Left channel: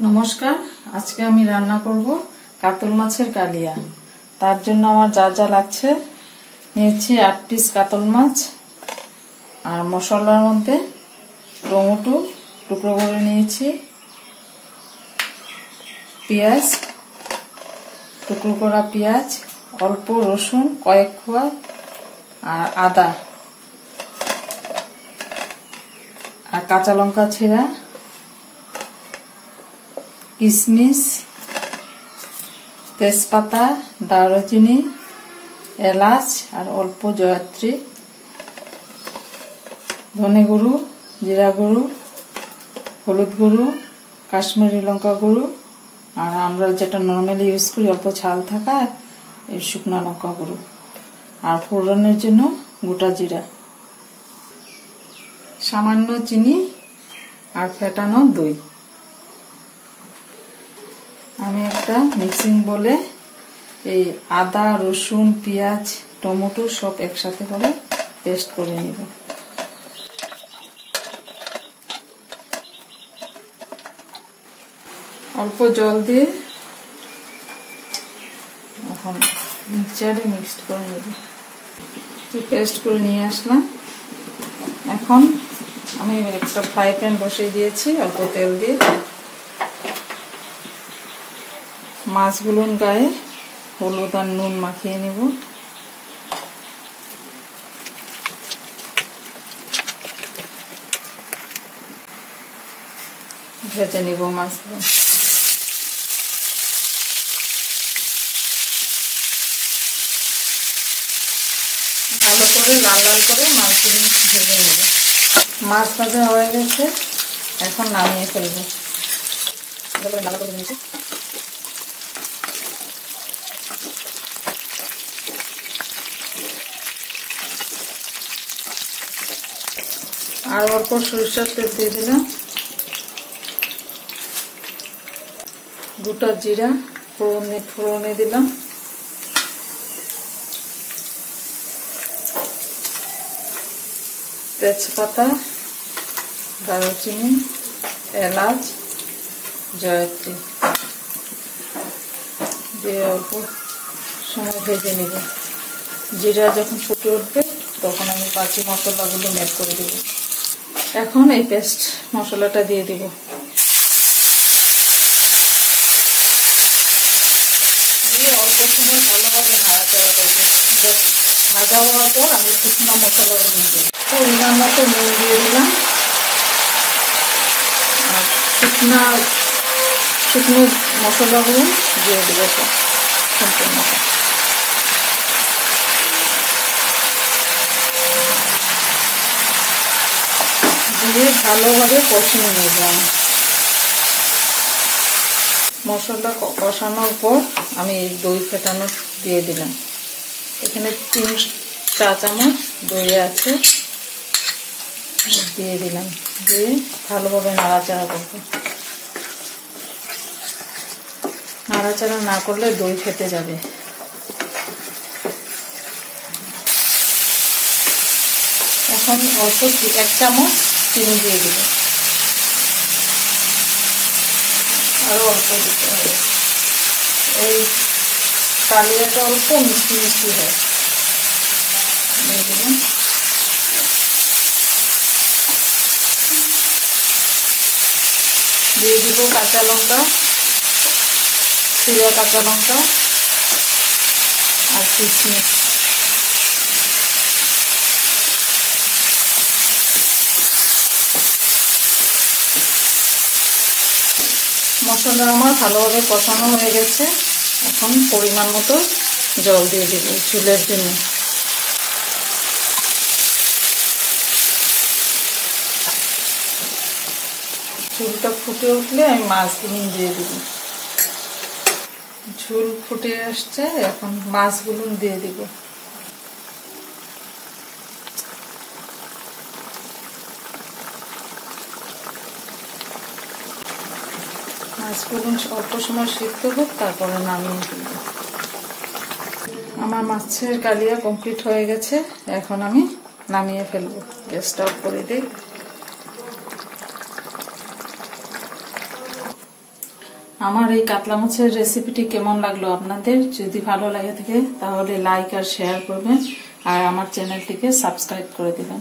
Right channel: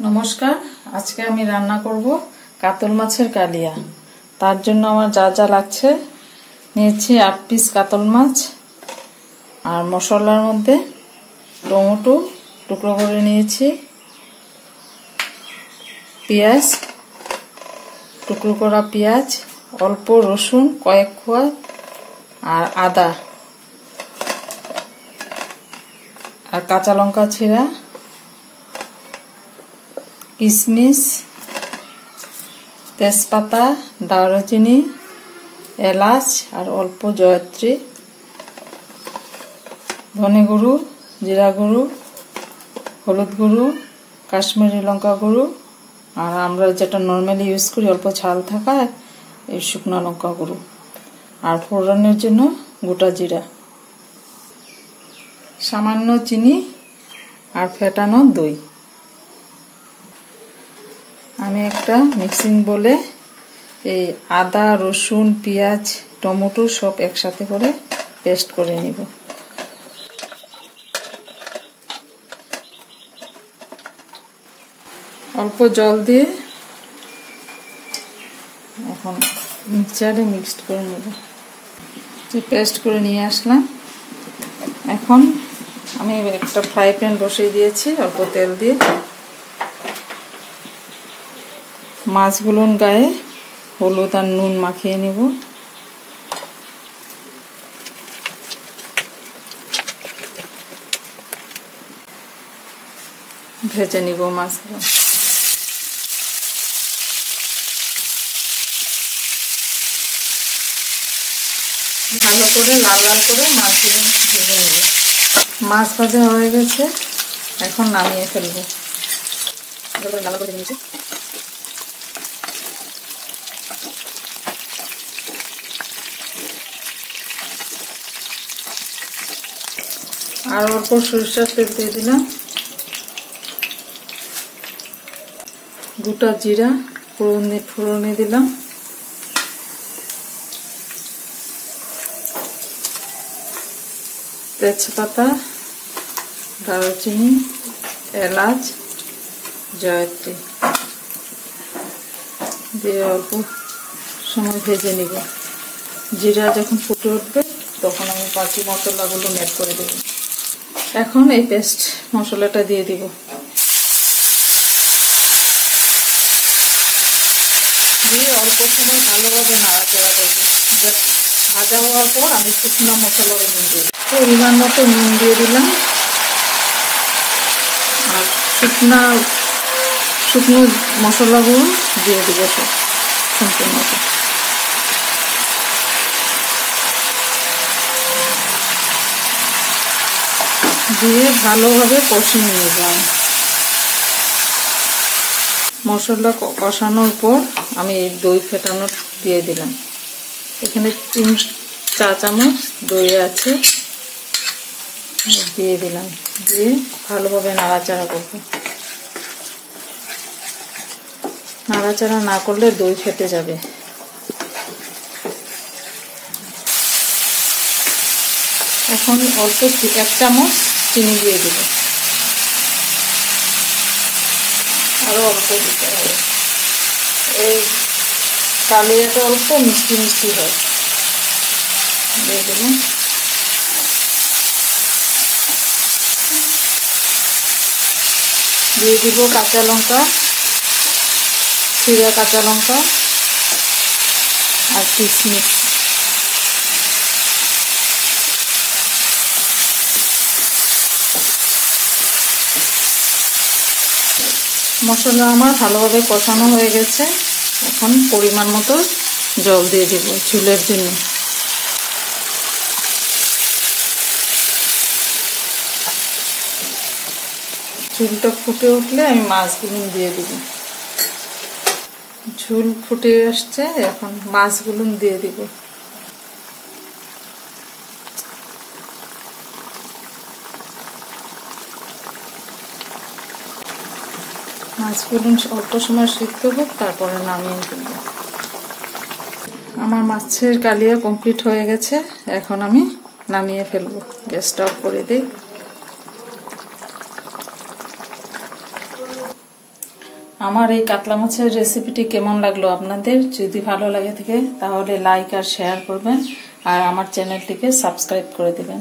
नमस्कार आज के आमी रान्ना करब कातल माछेर कालिया। तार जन्य आमार जा जा लागछे नियेछि 8 पिस कातल माछ और मशलार मध्य टमेटो टुकरो करे नियेछि, पेঁয়াজ टुकरो करा पेঁয়াজ, अल्प रसुन कयेक कोয়া और आदा और काँचा लंका छिड़ा, किशमिश, तेजपाता, दारचिनी, एलाच और अल्प जयत्री, धने गुड़ो, जिरा गुड़ो, हलुद गुड़ो, काश्मीरी लंका गुड़ो और आमरा जेटा नर्माली यूज करी अल्प झाल थाका এই শুকনো লঙ্কা গুঁড়ো আর ফোড়নের জন্য গোটা জিরা, সামান্য চিনি আর ফেটানো দই। আমি একটা মিক্সিং বলে এই আদা রসুন পেঁয়াজ টমেটো সব একসাথে করে পেস্ট করে নিব। অল্প জল দিয়ে এখন মিক্সচারে মিক্সড করে নেব। পেস্ট করে নিয়ে আসলাম। এখন আমি একটা ফ্রাই প্যান বসিয়ে দিয়েছি অল্প তেল দিয়ে। মাছগুলোর গায়ে হলুদ আর নুন মাখিয়ে নিব। ভেজে নিব মাছগুলো। ভালো করে লাল লাল করে মাছগুলো ভেজে নেব। মাছ ভাজা হয়ে গেছে, এখন নামিয়ে ফেলবো। ভালো করে নিয়েছি। আর অল্প সরিষার তেল দিয়ে দিলাম, গোটা জিরা ফোড়নে দিলাম, তেজপাতা, দারচিনি, এলাচ, জয়ত্রী দিয়ে অল্প সময় ভেজে নিব। জিরা যখন ফুটে উঠবে তখন আমি বাকি মশলাগুলো ম্যাশ করে দেব। এখন এই পেস্ট মশলাটা দিয়ে দিব। দিয়ে অল্প সময় ভালোভাবে নাড়াচাড়া করব। ভাজা হওয়ার পর আমি শুকনো মশলাগুলো দিয়ে দেব। পরিমাণ মতো নুন দিয়ে দিলাম আর শুকনো মশলাগুলো দিয়ে দিব সম্পূর্ণ। দিয়ে ভালোভাবে কষিয়ে নেব। মশলা কষানোর পর আমি দই ফেটানো দিয়ে দিলাম। এখানে 3 চা চামচ দই আছে, দিয়ে দিলাম। দিয়ে ভালোভাবে নাড়াচাড়া করব। নাড়াচাড়া না করলে দই ফেটে যাবে। এখন অল্প 1 চামচ চিনি দিয়ে দেব। আরো অল্প দিতে হবে। এই কালিয়াটা অল্প মিষ্টি মিষ্টি হয়। দিয়ে দেবেন। দিয়ে দিব কাঁচা লঙ্কা, চিরা কাঁচা লঙ্কা আর কিশমিশ। মশলা আমার ভালোভাবে কষানো হয়ে গেছে। এখন পরিমাণ মতো জল দিয়ে দেব ঝোলের জন্য। ঝোলটা ফুটে উঠলে আমি মাছগুলো দিয়ে দেব। ঝোল ফুটে আসছে, এখন মাছগুলো দিয়ে দেব। মাছগুলো অল্প সময় সিদ্ধ হোক, তারপরে নামিয়ে ফেলব। আমার মাছের কালিয়া কমপ্লিট হয়ে গেছে, এখন আমি নামিয়ে ফেলবো। গ্যাসটা অফ করে দিই। আমার এই কাতলা মাছের রেসিপিটি কেমন লাগলো আপনাদের? যদি ভালো লাগে থাকে তাহলে লাইক আর শেয়ার করবেন আর আমার চ্যানেলটিকে সাবস্ক্রাইব করে দেবেন।